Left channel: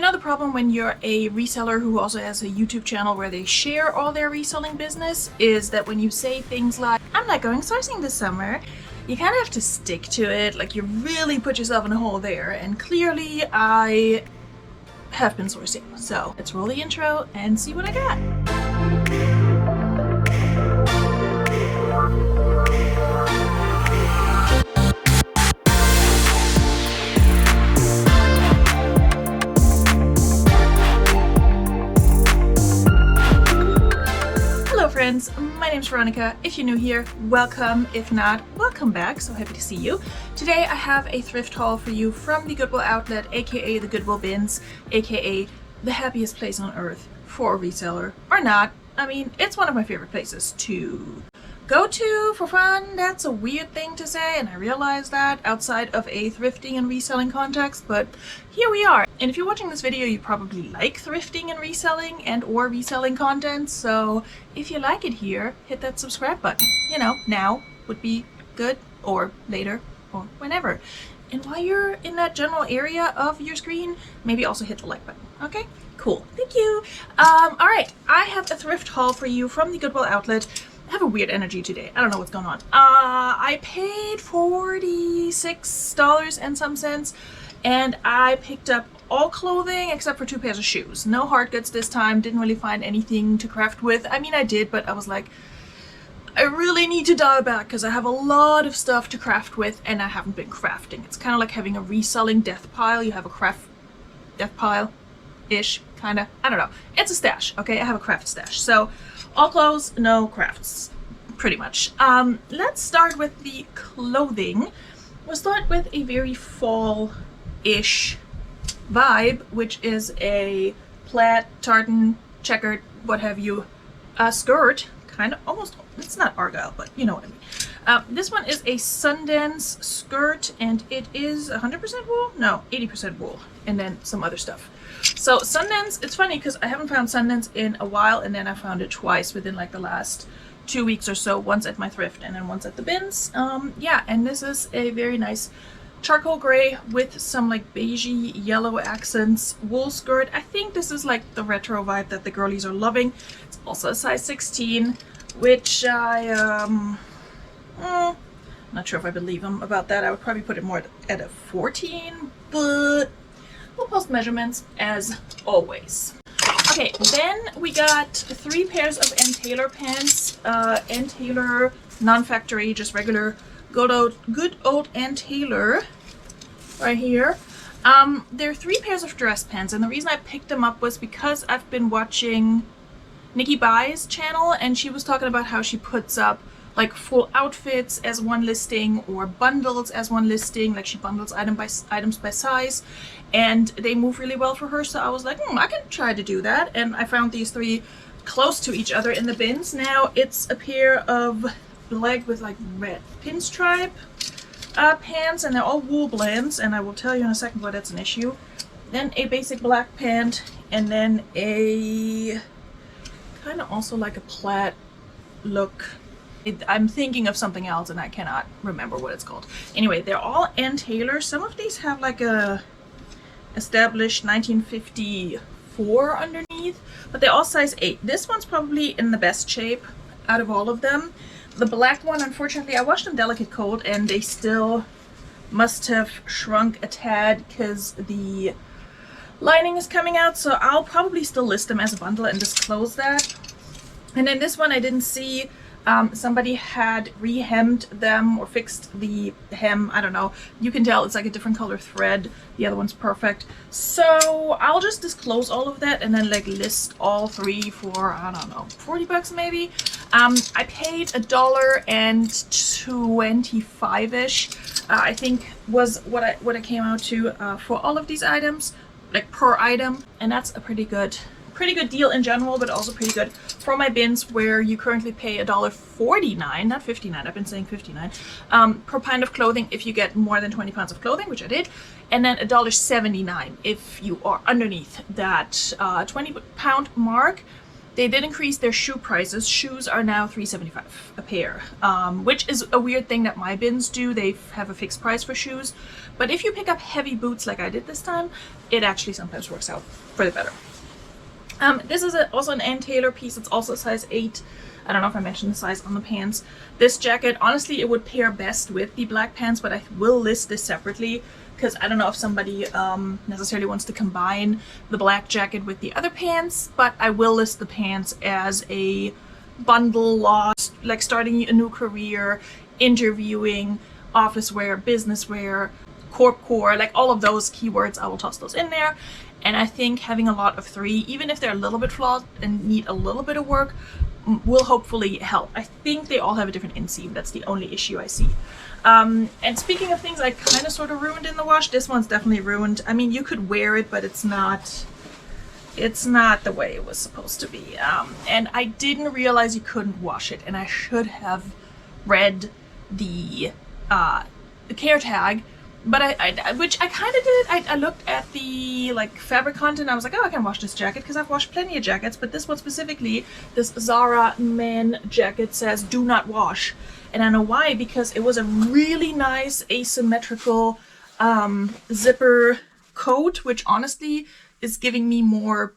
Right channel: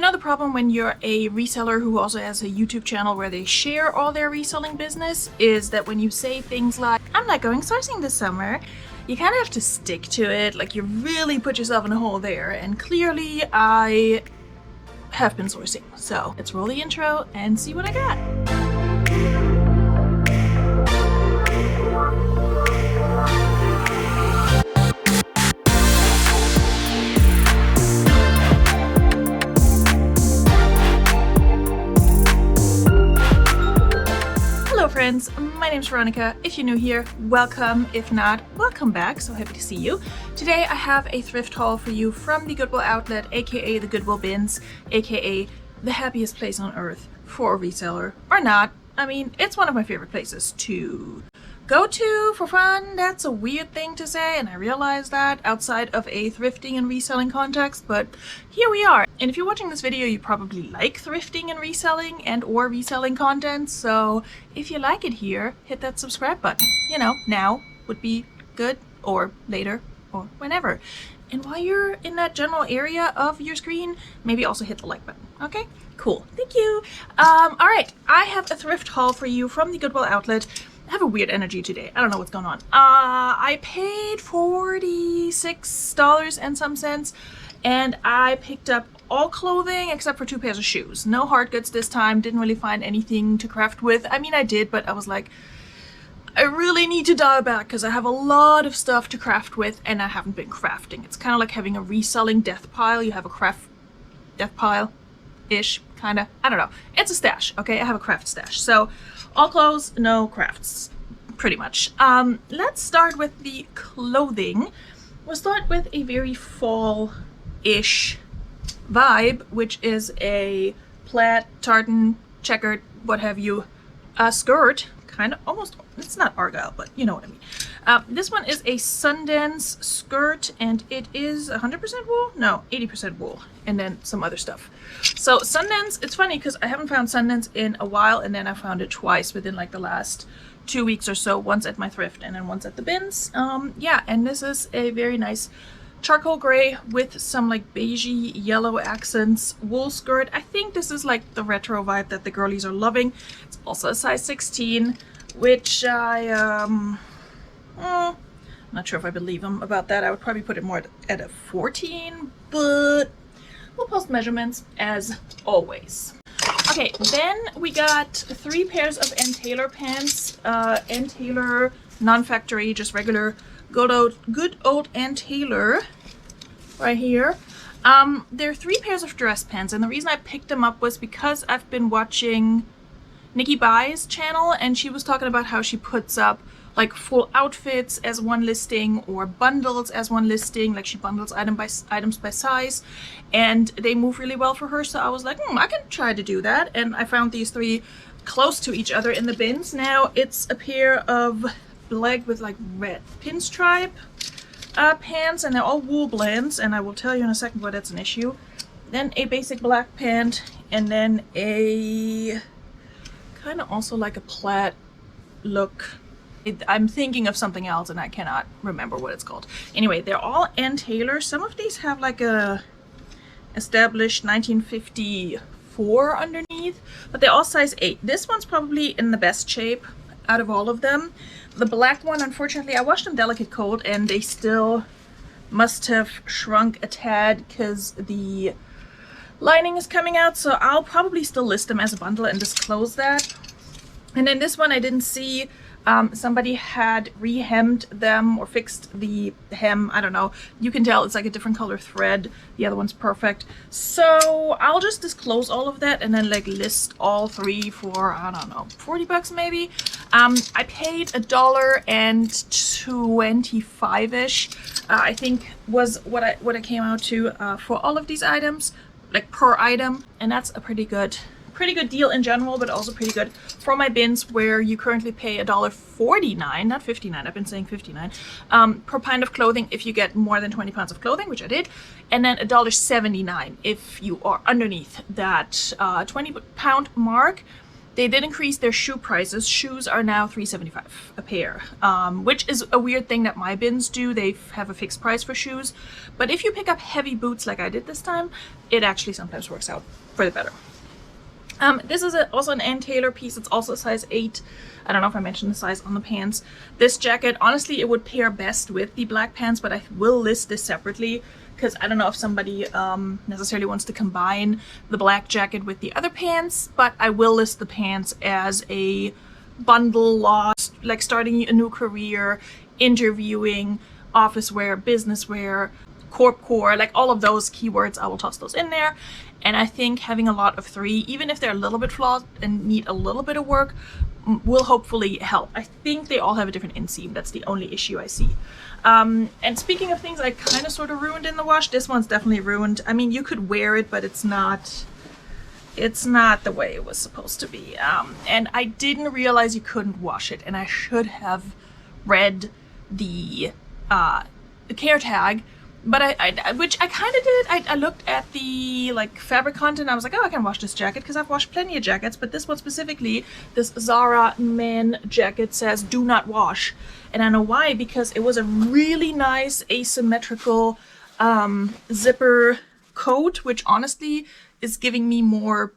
You know the problem when you're a reseller who also has a YouTube channel where they share all their reselling business is that when you say things like, I'm not going sourcing this summer, you kind of have to stick to it. Like, you really put yourself in a hole there. And clearly I have been sourcing. So let's roll the intro and see what I got. My name's Veronika. If you're new here, welcome. If not, welcome back. So happy to see you. Today I have a thrift haul for you from the Goodwill Outlet, aka the Goodwill BINS, aka the happiest place on earth for a reseller. Or not. I mean, it's one of my favorite places to go to for fun. That's a weird thing to say, and I realize that outside of a thrifting and reselling context, but here we are. And if you're watching this video, you probably like thrifting and reselling or reselling content, so if you like it here, hit that subscribe button. You know, now would be good, or later, or whenever. And while you're in that general area of your screen, maybe also hit the like button. Okay, cool, thank you. All right, I have a thrift haul for you from the Goodwill Outlet. I have a weird energy today. I don't know what's going on. I paid $46 and some cents, and I picked up all clothing except for 2 pairs of shoes. No hard goods this time. Didn't really find anything to craft with. I mean, I did, but I was like, I really need to dial back because I have a lot of stuff to craft with, and I haven't been crafting. It's kind of like having a reselling death pile. You have a craft death pile-ish, kind of. I don't know. It's a stash, okay? I have a craft stash. So, all clothes, no crafts, pretty much. Let's start with the clothing. We'll start with a very fall-ish vibe, which is a plaid, tartan, checkered, what have you, skirt. Kind of, almost, it's not argyle, but you know what I mean. This one is a Sundance skirt, and it is 100% wool? No, 80% wool, and then some other stuff. So Sundance, it's funny because I haven't found Sundance in a while, and then I found it twice within like the last 2 weeks or so, once at my thrift and then once at the BINS. Yeah, and this is a very nice charcoal gray with some like beigey yellow accents wool skirt. I think this is like the retro vibe that the girlies are loving. It's also a size 16, which I'm not sure if I believe them about that. I would probably put it more at a 14, but we'll post measurements as always. Okay, then we got 3 pairs of Ann Taylor pants. Ann Taylor, non-factory, just regular good old Ann Taylor right here. There are 3 pairs of dress pants, and the reason I picked them up was because I've been watching Nikki Bai's channel, and she was talking about how she puts up like full outfits as one listing or bundles as one listing. Like, she bundles items by size, and they move really well for her. So I was like, I can try to do that, and I found these 3 close to each other in the BINS. Now it's a pair of black with like red pinstripe pants, and they're all wool blends, and I will tell you in a second why that's an issue. Then a basic black pant, and then a kind of also like a plaid look. I'm thinking of something else and I cannot remember what it's called. Anyway, they're all Ann Taylor. Some of these have like a established 1954 underneath, but they're all size 8. This one's probably in the best shape out of all of them. The black one, unfortunately, I washed them delicate cold and they still must have shrunk a tad because the lining is coming out, so I'll probably still list them as a bundle and disclose that. And then this one I didn't see. Somebody had re-hemmed them or fixed the hem. I don't know. You can tell it's like a different color thread. The other one's perfect. So I'll just disclose all of that and then like list all 3 for, I don't know, 40 bucks maybe. I paid $1.25-ish. I think was what it came out to for all of these items, like per item, and that's a pretty good deal in general, but also pretty good for my BINS, where you currently pay $1.49, not 59, I've been saying 59, per pound of clothing if you get more than 20 pounds of clothing, which I did, and then $1.79 if you are underneath that 20 pound mark. they did increase their shoe prices. Shoes are now $3.75 a pair, which is a weird thing that my bins do. They have a fixed price for shoes, but if you pick up heavy boots like I did this time, it actually sometimes works out for the better. This is also an Ann Taylor piece. It's also a size 8. I don't know if I mentioned the size on the pants. This jacket, honestly, it would pair best with the black pants, but I will list this separately because I don't know if somebody necessarily wants to combine the black jacket with the other pants, but I will list the pants as a bundle lost, like starting a new career, interviewing, office wear, business wear, corp core, like all of those keywords. I will toss those in there. And I think having a lot of 3, even if they're a little bit flawed and need a little bit of work, will hopefully help. I think they all have a different inseam. That's the only issue I see. And speaking of things I kind of sort of ruined in the wash, this one's definitely ruined. I mean, you could wear it, but it's not the way it was supposed to be. And I didn't realize you couldn't wash it, and I should have read the care tag. But which I kind of did. I looked at the like fabric content. I was like, oh, I can wash this jacket because I've washed plenty of jackets. But this one specifically, this Zara men jacket says do not wash. And I know why, because it was a really nice asymmetrical zipper coat, which honestly is giving me more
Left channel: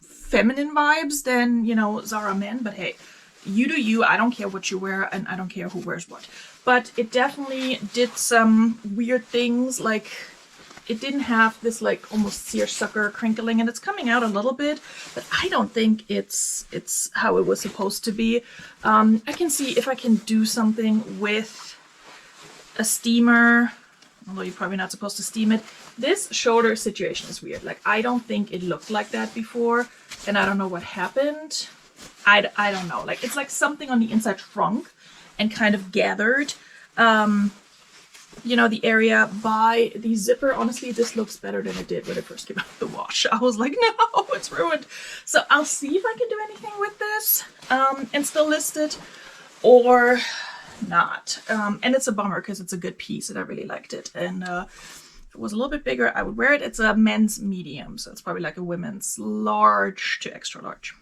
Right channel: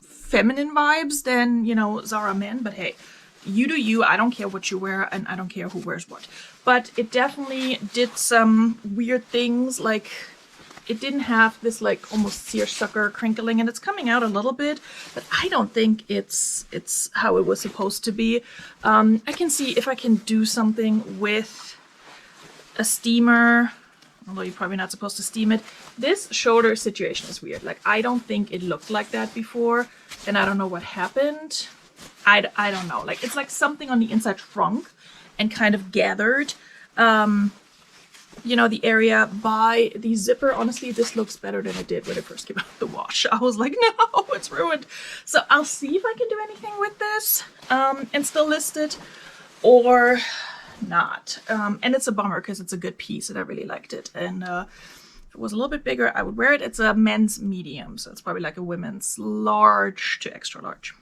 feminine vibes than, you know, Zara men. But hey, you do you. I don't care what you wear, and I don't care who wears what. But it definitely did some weird things, like it didn't have this like almost seersucker crinkling, and it's coming out a little bit, but I don't think it's how it was supposed to be. I can see if I can do something with a steamer, although you're probably not supposed to steam it. This shoulder situation is weird. Like I don't think it looked like that before, and I don't know what happened. I don't know. Like it's like something on the inside shrunk and kind of gathered, you know, the area by the zipper. Honestly, this looks better than it did when it first came out of the wash. I was like, no, it's ruined. So I'll see if I can do anything with this and still list it or not. And it's a bummer because it's a good piece and I really liked it. And if it was a little bit bigger, I would wear it. It's a men's medium, so it's probably like a women's large to extra large.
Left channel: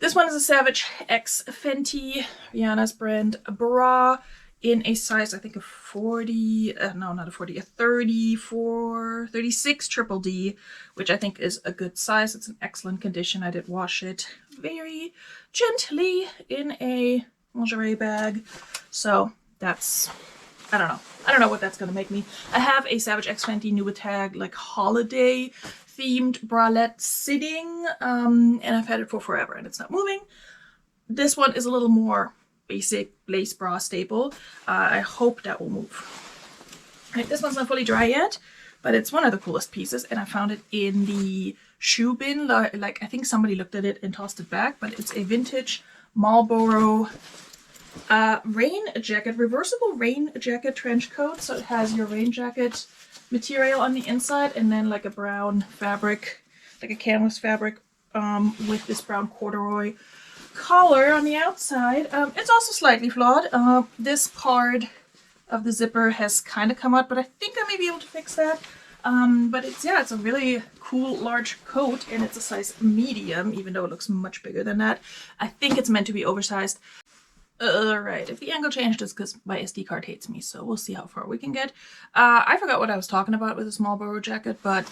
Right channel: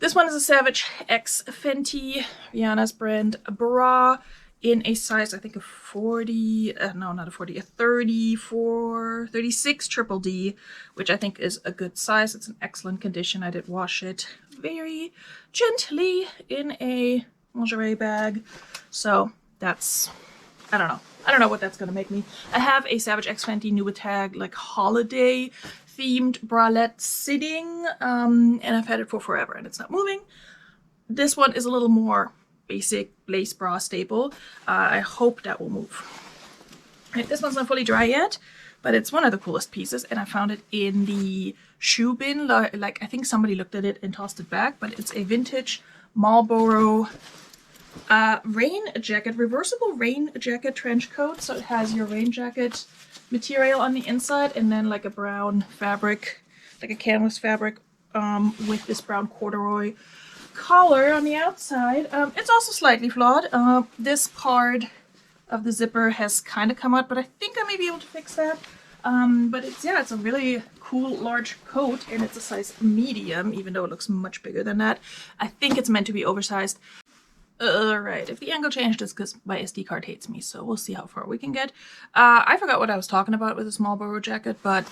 This one is a Savage X Fenty, Rihanna's brand bra in a size, I think, of 40, no, not a 40, a 34, 36 triple D, which I think is a good size. It's in excellent condition. I did wash it very gently in a lingerie bag. So that's, I don't know. I don't know what that's going to make me. I have a Savage X Fenty new tag, like holiday themed bralette sitting, and I've had it for forever and it's not moving. This one is a little more basic lace bra staple. I hope that will move. And this one's not fully dry yet, but it's one of the coolest pieces, and I found it in the shoe bin. Like I think somebody looked at it and tossed it back, but it's a vintage Marlboro rain jacket, reversible rain jacket trench coat. So it has your rain jacket material on the inside and then like a brown fabric, like a canvas fabric, with this brown corduroy collar on the outside. It's also slightly flawed. This part of the zipper has kind of come out, but I think I may be able to fix that. But it's a really cool large coat, and it's a size medium, even though it looks much bigger than that. I think it's meant to be oversized. Right, if the angle changed, it's because my SD card hates me, so we'll see how far we can get. I forgot what I was talking about with this Marlboro jacket, but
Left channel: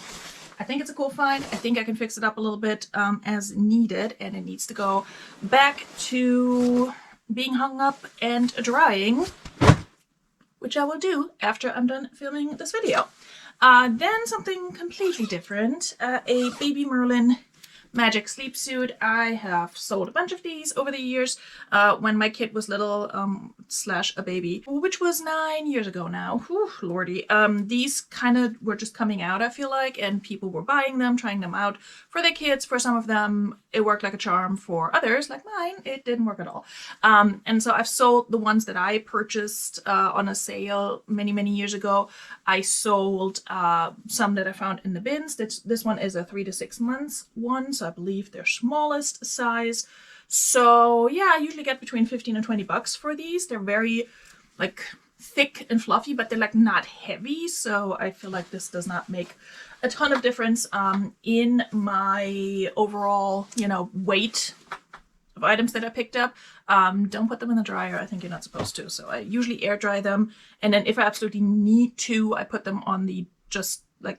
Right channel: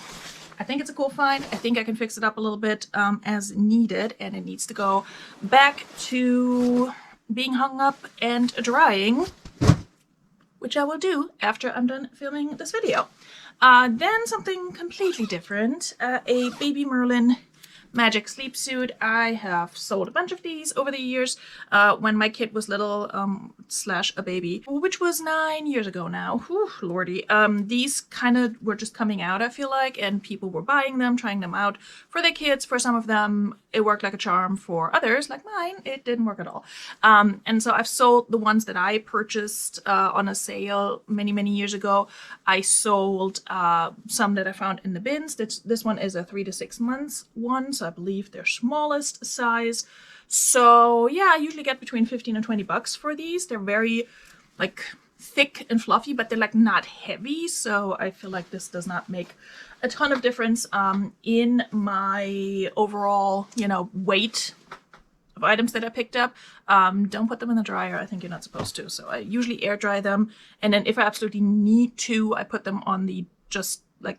I think it's a cool find. I think I can fix it up a little bit as needed, and it needs to go back to being hung up and drying, which I will do after I'm done filming this video. Then something completely different, a Baby Merlin Magic sleep suit. I have sold a bunch of these over the years when my kid was little, slash a baby, which was 9 years ago now. Whew, lordy. These kind of were just coming out, I feel like, and people were buying them, trying them out for their kids. For some of them, it worked like a charm. For others, like mine, it didn't work at all. And so I've sold the ones that I purchased on a sale many, many years ago. I sold some that I found in the bins. This one is a 3 to 6 months one, so I believe their smallest size. So yeah, I usually get between 15 and 20 bucks for these. They're very, like, thick and fluffy, but they're like not heavy. So I feel like this does not make a ton of difference in my overall, you know, weight of items that I picked up. Don't put them in the dryer. I think you're not supposed to. So I usually air dry them. And then if I absolutely need to, I put them on the just like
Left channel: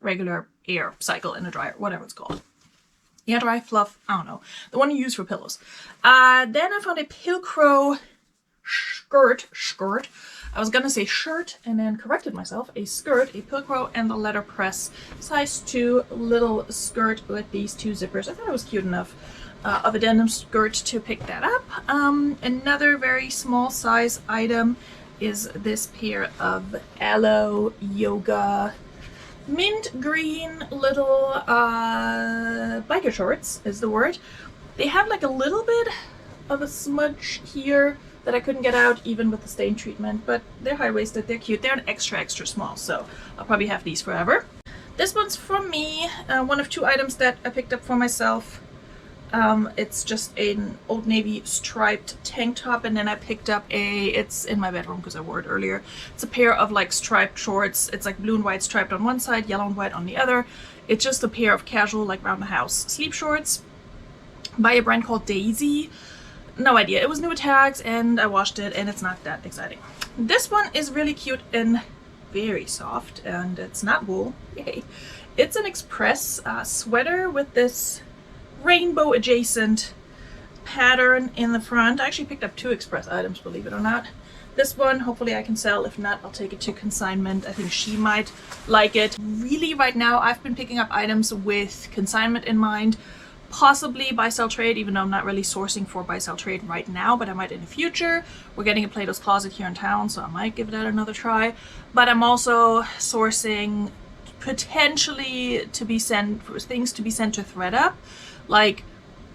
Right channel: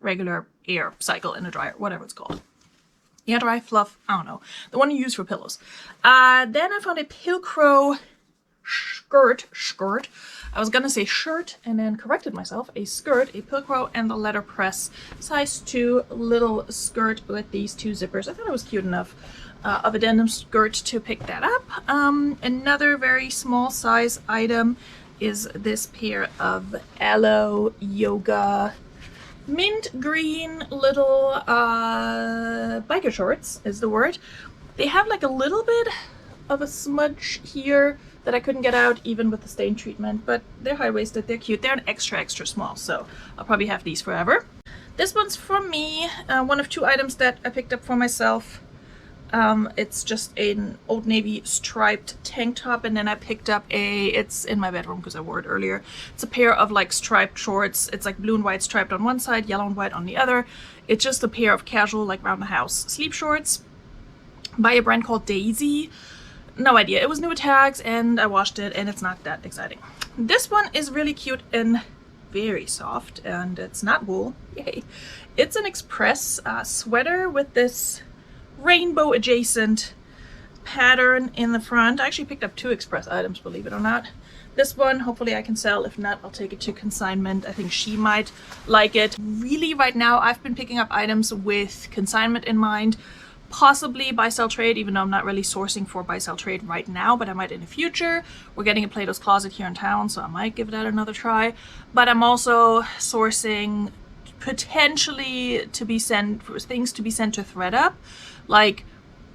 regular air cycle in a dryer, whatever it's called. Air dry fluff, I don't know. The one you use for pillows. Then I found a Pilcrow skirt. I was gonna say shirt and then corrected myself. A skirt, a Pilcrow and the letterpress size 2 little skirt with these 2 zippers. I thought it was cute enough of a denim skirt to pick that up. Another very small size item is this pair of Aloe Yoga mint green little biker shorts is the word. They have like a little bit of a smudge here that I couldn't get out even with the stain treatment, but they're high-waisted, they're cute. They're an extra small, so I'll probably have these forever. This one's for me, one of 2 items that I picked up for myself. It's just an Old Navy striped tank top, and then I picked up it's in my bedroom because I wore it earlier. It's a pair of like striped shorts. It's like blue and white striped on one side, yellow and white on the other. It's just a pair of casual, like round the house sleep shorts by a brand called Daisy. No idea. It was new tags and I washed it and it's not that exciting. This one is really cute and very soft, and it's not wool. Yay. It's an Express sweater with this rainbow adjacent pattern in the front. I actually picked up 2 Express items, believe it or not. This one, hopefully I can sell. If not, I'll take it to consignment. I think she might like it. Really, right now, I've been picking up items with consignment in mind. Possibly buy, sell, trade, even though I'm not really sourcing for buy, sell, trade right now, but I might in the future. We're getting a Plato's Closet here in town, so I might give that another try. But I'm also sourcing potentially to be sent, for things to be sent to ThredUp, like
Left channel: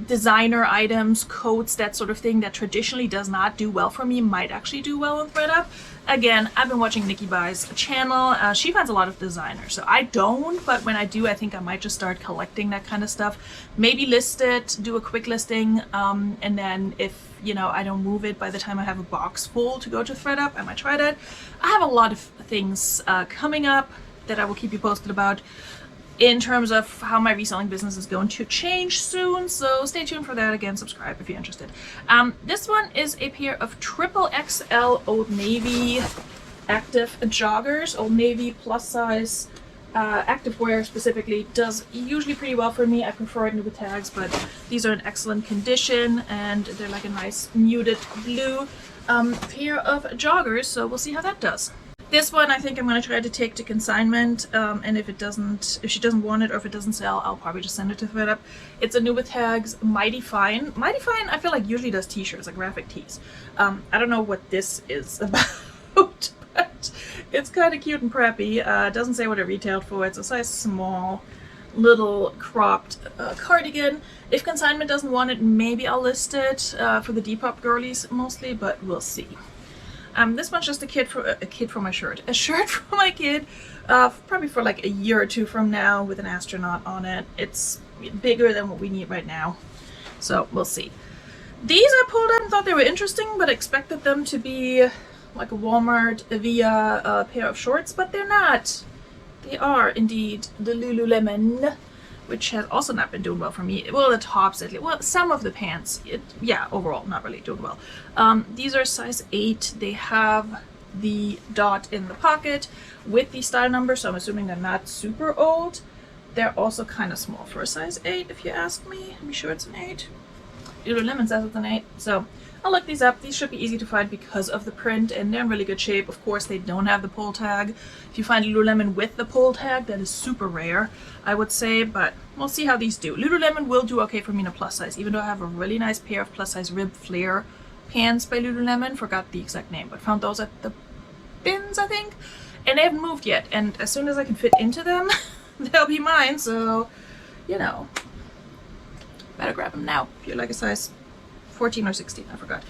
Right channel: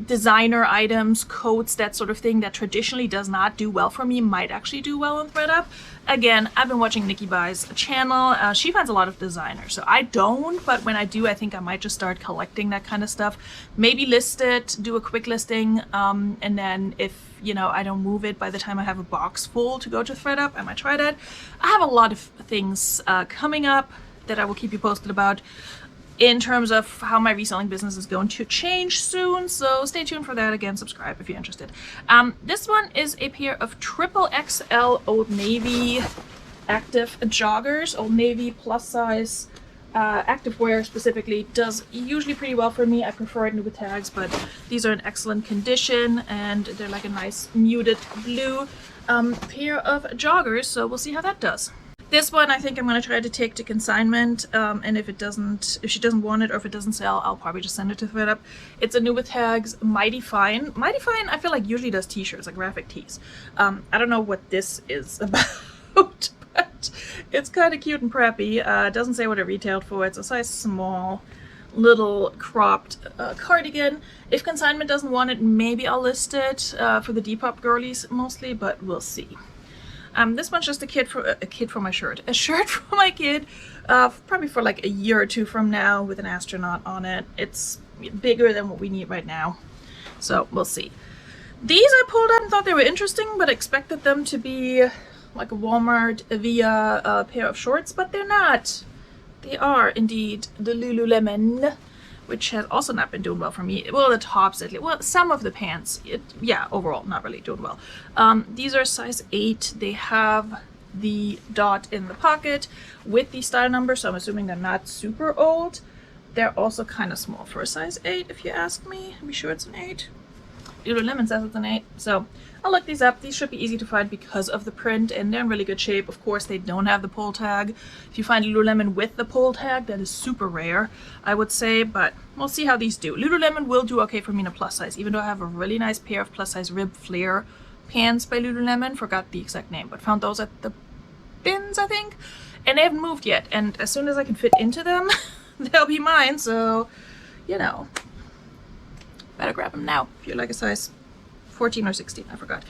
designer items, coats, that sort of thing that traditionally does not do well for me might actually do well on ThredUp. Again, I've been watching Nikki Buy's channel. She finds a lot of designers, so I don't, but when I do, I think I might just start collecting that kind of stuff. Maybe list it, do a quick listing, and then if, you know, I don't move it by the time I have a box full to go to ThredUp, I might try that. I have a lot of things coming up that I will keep you posted about in terms of how my reselling business is going to change soon, so stay tuned for that. Again, subscribe if you're interested. This one is a pair of XXL Old Navy active joggers. Old Navy plus size activewear specifically does usually pretty well for me. I prefer it with the tags, but these are in excellent condition and they're like a nice muted blue pair of joggers, so we'll see how that does. This one I think I'm going to try to take to consignment, and if she doesn't want it or if it doesn't sell, I'll probably just send it to ThredUp. It's a new with tags, Mighty Fine. Mighty Fine I feel like usually does t-shirts, like graphic tees. I don't know what this is about, but it's kind of cute and preppy. It doesn't say what it retailed for. It's a size small, little cropped cardigan. If consignment doesn't want it, maybe I'll list it for the Depop girlies mostly, but we'll see. This one's just a shirt for my kid, probably for like a year or 2 from now with an astronaut on it. It's bigger than what we need right now, so we'll see. These I pulled up and thought they were interesting, but expected them to be like a Walmart via pair of shorts, but they're not. They are indeed the Lululemon, which has also not been doing well for me. Well, the tops, well, some of the pants, yeah, overall not really doing well. These are size 8. They have the dot in the pocket with the style number, so I'm assuming they're not super old. They're also kind of small for a size 8, if you ask me. I'm sure it's an 8. Lululemon says it's an 8, so I'll look these up. These should be easy to find because of the print, and they're in really good shape. Of course, they don't have the pull tag. If you find Lululemon with the pull tag, that is super rare, I would say, but we'll see how these do. Lululemon will do okay for me in a plus size, even though I have a really nice pair of plus size rib flare pants by Lululemon. Forgot the exact name, but found those at the BINS, I think, and they haven't moved yet, and as soon as I can fit into them, they'll be mine, so, you know, better grab them now if you're like a size 14 or 16, I forgot.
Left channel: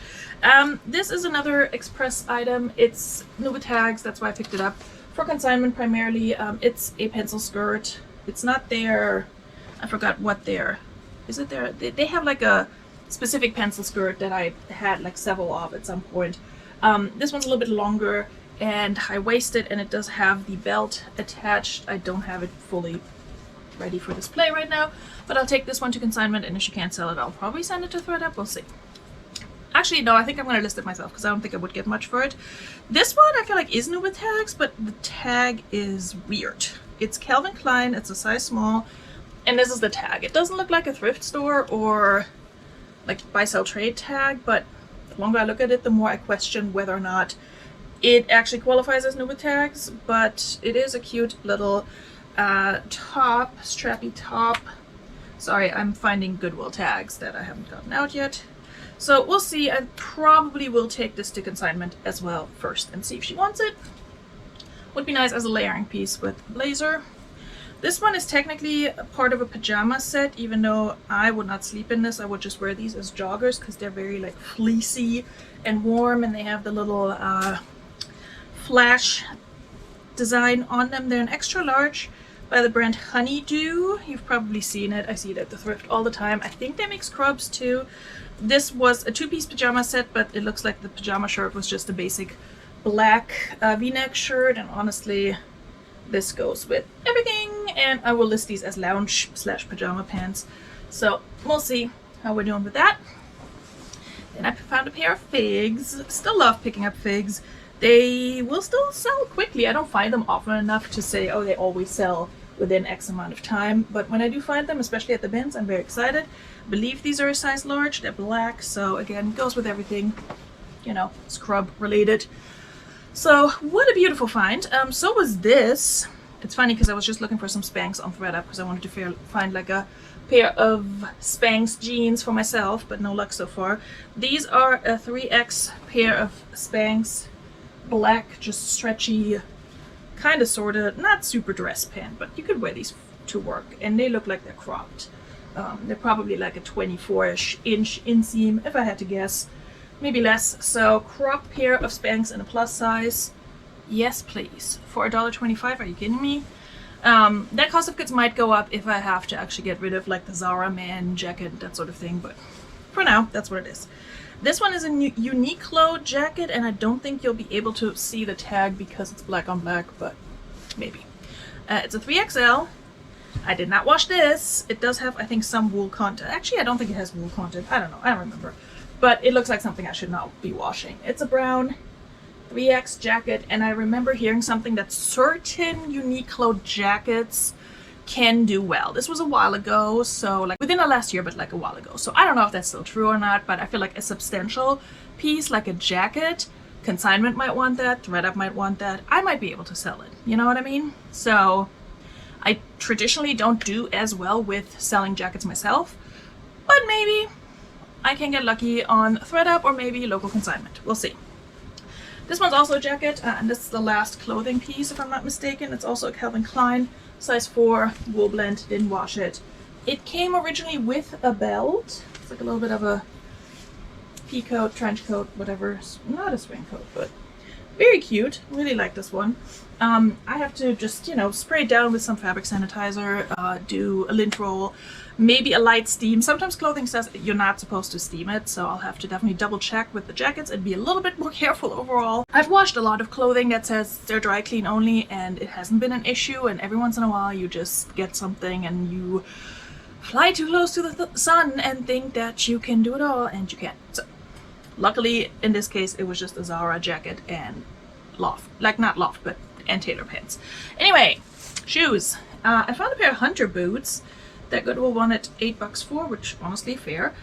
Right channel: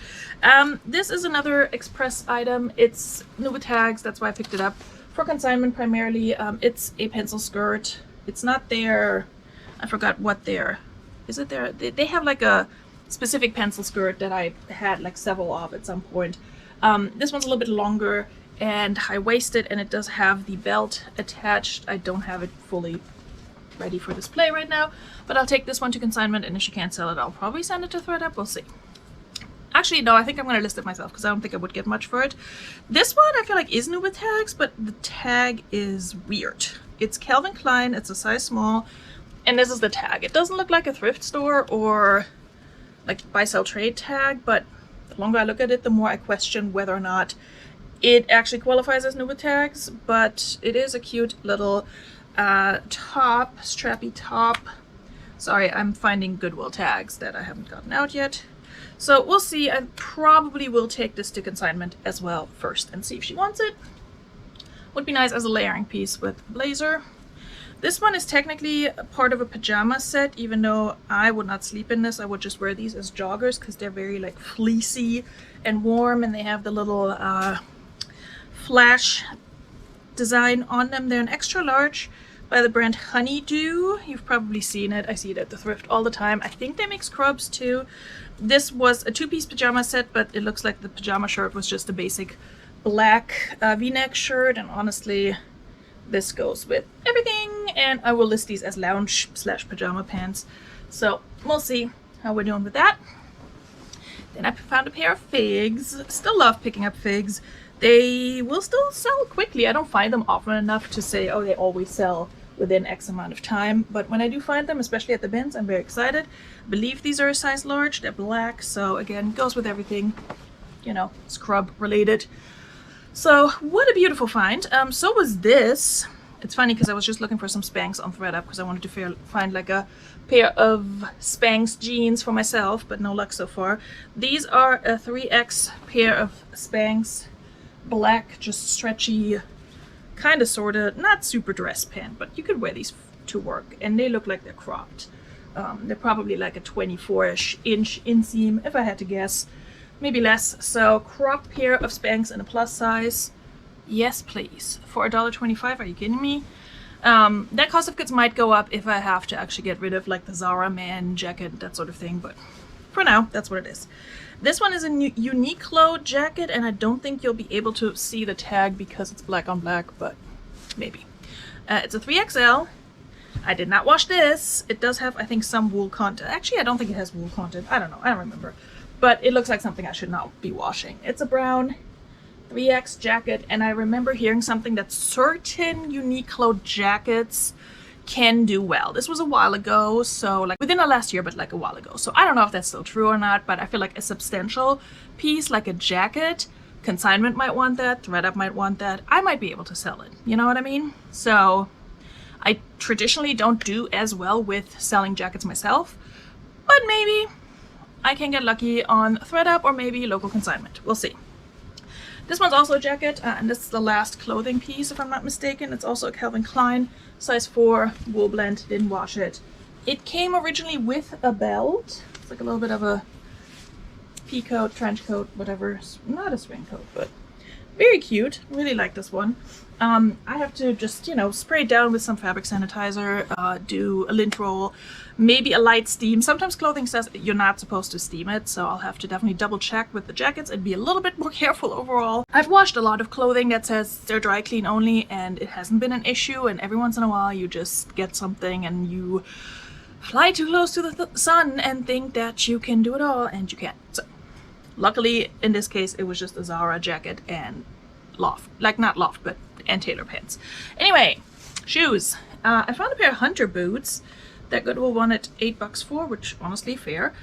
This is another Express item. It's new with tags, that's why I picked it up. For consignment primarily. It's a pencil skirt. It's not their, I forgot what their, is it their, they have like a specific pencil skirt that I had like several of at some point. This one's a little bit longer and high-waisted, and it does have the belt attached. I don't have it fully ready for display right now, but I'll take this one to consignment, and if she can't sell it, I'll probably send it to ThredUp. We'll see. Actually, no, I think I'm going to list it myself because I don't think I would get much for it. This one I feel like is new with tags, but the tag is weird. It's Calvin Klein, it's a size small, and this is the tag. It doesn't look like a thrift store or like buy sell trade tag, but the longer I look at it, the more I question whether or not it actually qualifies as new with tags. But it is a cute little top, strappy top. Sorry, I'm finding Goodwill tags that I haven't gotten out yet. So we'll see. I probably will take this to consignment as well first and see if she wants it. Would be nice as a layering piece with blazer. This one is technically a part of a pajama set, even though I would not sleep in this. I would just wear these as joggers because they're very like fleecy and warm, and they have the little flash design on them. They're an extra large by the brand Honeydew. You've probably seen it. I see it at the thrift all the time. I think they make scrubs too. This was a two-piece pajama set, but it looks like the pajama shirt was just a basic black v-neck shirt, and honestly this goes with everything, and I will list these as lounge / pajama pants. So we'll see how we're doing with that. Then I found a pair of figs. Still love picking up figs. They will still sell quickly. I don't find them often enough to say, oh, they always sell within X amount of time, but when I do find them, especially at the bins, I'm very excited. I believe these are a size large. They're black, so again, goes with everything, you know, scrub related. So what a beautiful find. So was this. It's funny because I was just looking for some Spanx on ThredUp because I wanted to find like a pair of Spanx jeans for myself, but no luck so far. These are a 3X pair of Spanx black, just stretchy, kind of sort of, not super dress pant, but you could wear these to work, and they look like they're cropped. They're probably like a 24-ish inch inseam, if I had to guess. Maybe less. So cropped pair of Spanx in a plus size. Yes, please. For $1.25, are you kidding me? That cost of goods might go up if I have to actually get rid of like the Zara man jacket, that sort of thing, but for now, that's what it is. This one is a Uniqlo jacket, and I don't think you'll be able to see the tag because it's black on black, but maybe. It's a 3XL. I did not wash this. It does have, I think, some wool content. Actually, I don't think it has wool content. I don't know. I don't remember. But it looks like something I should not be washing. It's a brown 3X jacket, and I remember hearing something that certain Uniqlo jackets can do well. This was a while ago, so like within the last year, but like a while ago. So I don't know if that's still true or not, but I feel like a substantial piece, like a jacket, consignment might want that, ThredUp might want that. I might be able to sell it. You know what I mean? So I traditionally don't do as well with selling jackets myself, but maybe I can get lucky on ThredUp or maybe local consignment. We'll see. This one's also a jacket, and this is the last clothing piece, if I'm not mistaken. It's also a Calvin Klein, size 4, wool blend, didn't wash it. It came originally with a belt. It's like a little bit of a pea coat, trench coat, whatever. It's not a spring coat, but very cute. Really like this one. I have to just, you know, spray it down with some fabric sanitizer, do a lint roll, maybe a light steam. Sometimes clothing says you're not supposed to steam it, so I'll have to definitely double check with the jackets and be a little bit more careful overall. I've washed a lot of clothing that says they're dry clean only, and it hasn't been an issue, and every once in a while you just get something and you fly too close to the sun and think that you can do it all, and you can't. So luckily in this case it was just a Zara jacket and loft, like not loft, but and tailor pants. Anyway, shoes. I found a pair of Hunter boots that Goodwill wanted $8 for, which honestly fair.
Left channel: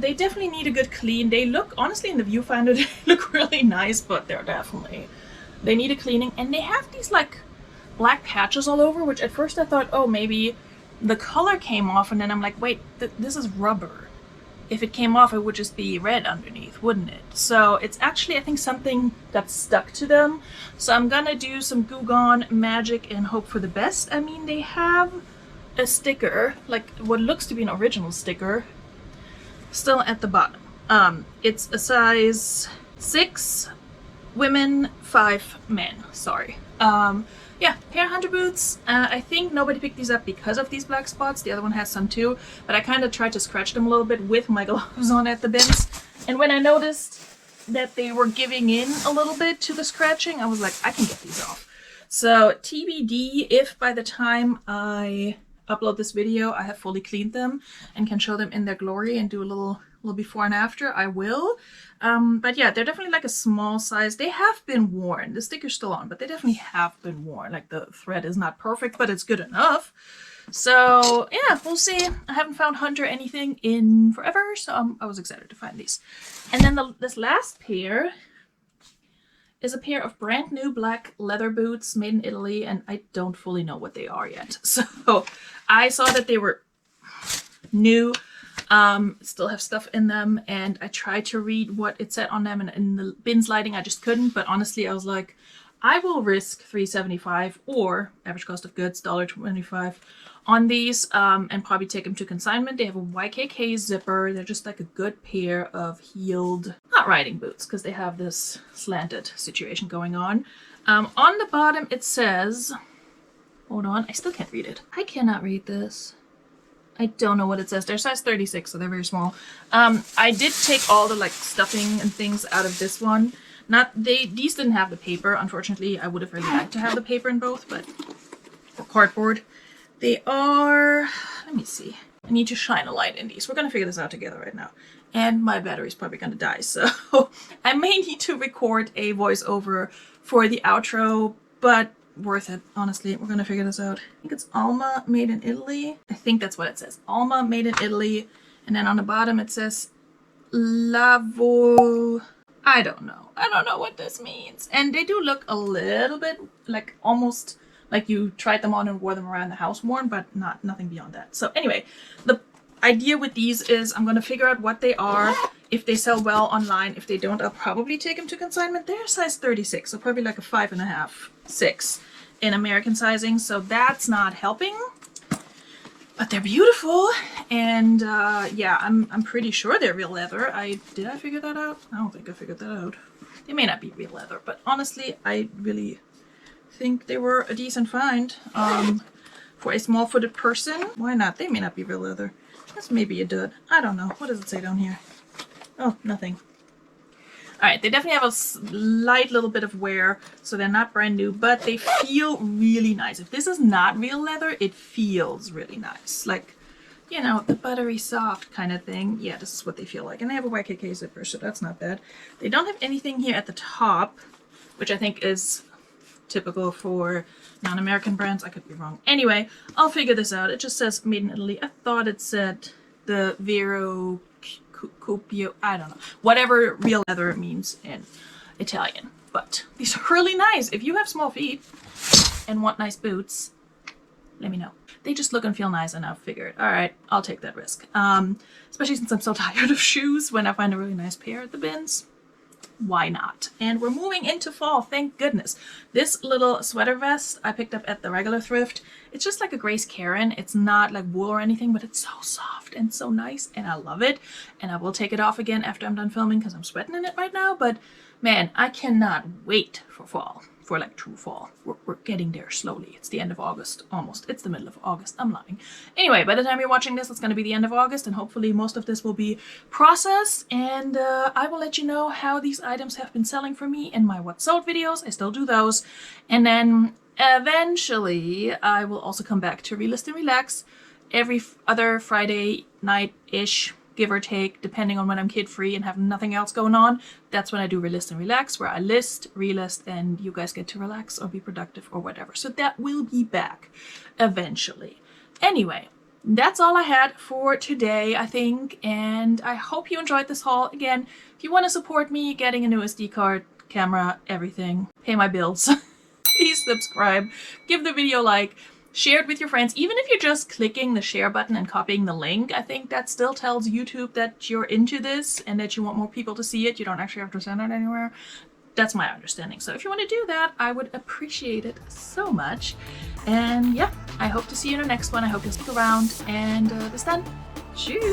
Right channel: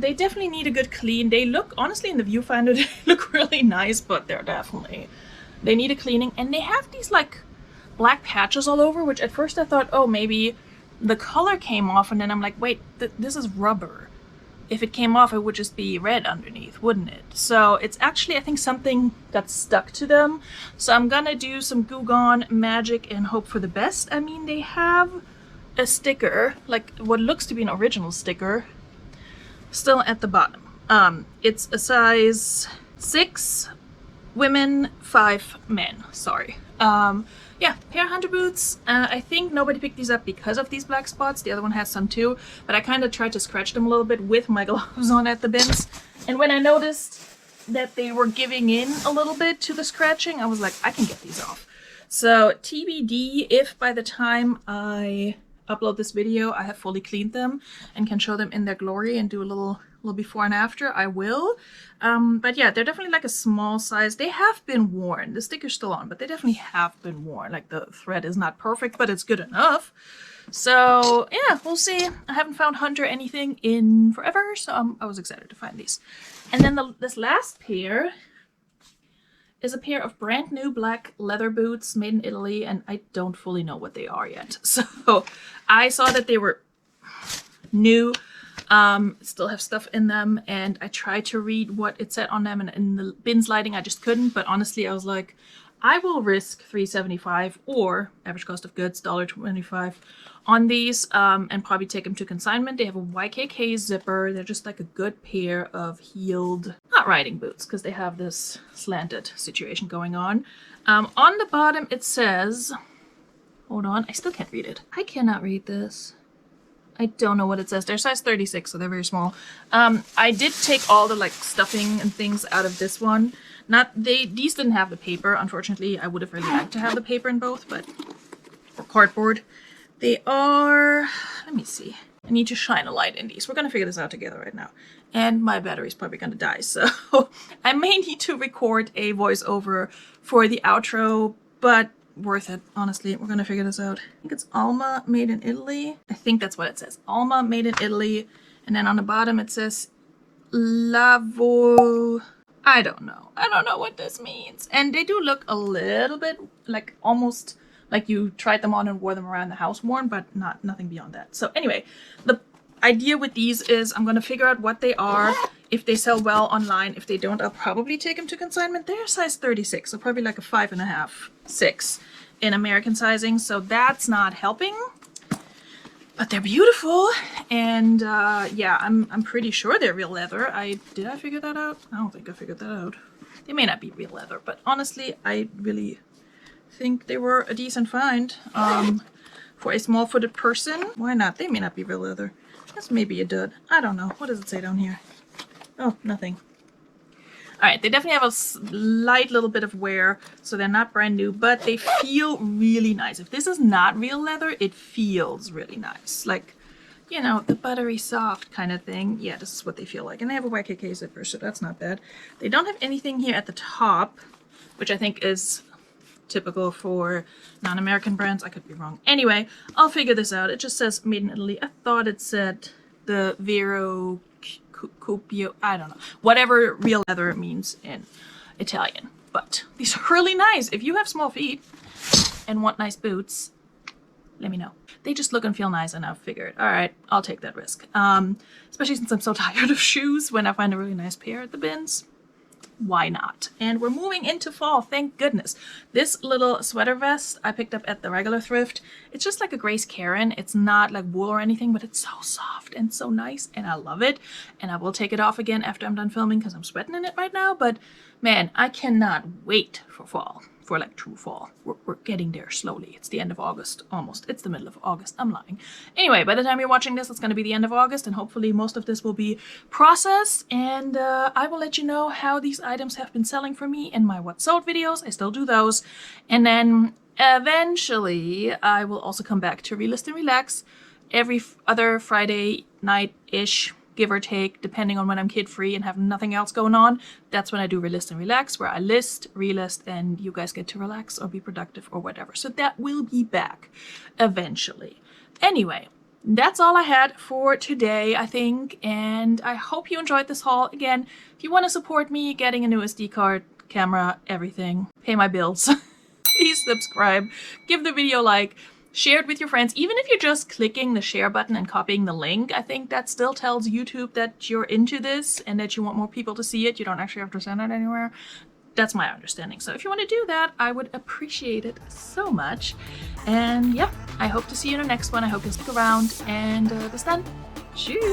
They definitely need a good clean. They look, honestly, in the viewfinder, they look really nice, but they need a cleaning. And they have these like black patches all over, which at first I thought, oh, maybe the color came off, and then I'm like, wait, this is rubber. If it came off, it would just be red underneath, wouldn't it? So it's actually, I think, something got stuck to them. So I'm gonna do some Goo Gone magic and hope for the best. I mean, they have a sticker, like what looks to be an original sticker, still at the bottom. It's a size 6 women, 5 men. Sorry. Yeah, pair of Hunter boots. I think nobody picked these up because of these black spots. The other one has some too, but I kind of tried to scratch them a little bit with my gloves on at the bins. And when I noticed that they were giving in a little bit to the scratching. I was like, I can get these off. So TBD if by the time I upload this video I have fully cleaned them and can show them in their glory and do a little before and after, I will. But yeah, they're definitely like a small size. They have been worn. The sticker's still on, but they definitely have been worn. Like the thread is not perfect, but it's good enough. So yeah, we'll see. I haven't found Hunter anything in forever, so I was excited to find these. And then this last pair is a pair of brand new black leather boots made in Italy, and I don't fully know what they are yet. So I saw that they were new, still have stuff in them, and I tried to read what it said on them, and in the BINS lighting I just couldn't. But honestly, I was like, I will risk $3.75 or average cost of goods $1.25 on these, and probably take them to consignment. They have a YKK zipper. They're just like a good pair of heeled, not riding boots, because they have this slanted situation going on. On the bottom it says, hold on, I still can't read it. I cannot read this. I don't know what it says. They're size 36, so they're very small. I did take all the like stuffing and things out of this one. These didn't have the paper, unfortunately. I would have really liked to have the paper in both, but the cardboard. They are, let me see. I need to shine a light in these. We're gonna figure this out together right now. And my battery's probably gonna die, so I may need to record a voiceover for the outro, but worth it, honestly. We're gonna figure this out. I think it's Alma made in Italy. I think that's what it says. Alma made in Italy. And then on the bottom it says Lavo. I don't know. I don't know what this means. And they do look a little bit like almost like you tried them on and wore them around the house worn, but nothing beyond that. So anyway, the idea with these is I'm going to figure out what they are, if they sell well online. If they don't, I'll probably take them to consignment. They're size 36, so probably like a 5.5, 6 in American sizing. So that's not helping, but they're beautiful. And yeah, I'm pretty sure they're real leather. Did I figure that out? I don't think I figured that out. They may not be real leather, but honestly, I really think they were a decent find for a small-footed person. Why not? They may not be real leather. This may be a dud. I don't know. What does it say down here? Oh, nothing. Alright, they definitely have a slight little bit of wear, so they're not brand new, but they feel really nice. If this is not real leather, it feels really nice. Like, you know, the buttery soft kind of thing. Yeah, this is what they feel like. And they have a YKK zipper, so that's not bad. They don't have anything here at the top, which I think is typical for non-American brands. I could be wrong. Anyway, I'll figure this out. It just says made in Italy. I thought it said the Vero Copio, I don't know. Whatever real leather means in Italian. But these are really nice. If you have small feet and want nice boots, let me know. They just look and feel nice, and I figured, alright, I'll take that risk. Especially since I'm so tired of shoes. When I find a really nice pair at the BINS, why not? And we're moving into fall, thank goodness. This little sweater vest I picked up at the regular thrift. It's just like a Grace Karen. It's not like wool or anything, but it's so soft and so nice, and I love it. And I will take it off again after I'm done filming because I'm sweating in it right now. But man, I cannot wait for fall. For like true fall. We're getting there slowly. It's the end of August, almost. It's the middle of August. I'm lying. Anyway, by the time you're watching this, it's going to be the end of August, and hopefully most of this will be processed, and I will let you know how these items have been selling for me in my What Sold videos. I still do those. And then eventually I will also come back to Relist and Relax every other Friday night-ish, give or take, depending on when I'm kid-free and have nothing else going on. That's when I do Relist and Relax, where I list, relist, and you guys get to relax or be productive or whatever. So that will be back eventually. Anyway, that's all I had for today, I think, and I hope you enjoyed this haul. Again, if you want to support me getting a new SD card, camera, everything, pay my bills, please subscribe, give the video a like, share it with your friends. Even if you're just clicking the share button and copying the link, I think that still tells YouTube that you're into this and that you want more people to see it. You don't actually have to send it anywhere. That's my understanding. So if you want to do that, I would appreciate it so much. And yeah, I hope to see you in the next one. I hope you stick around. And this then, cheers!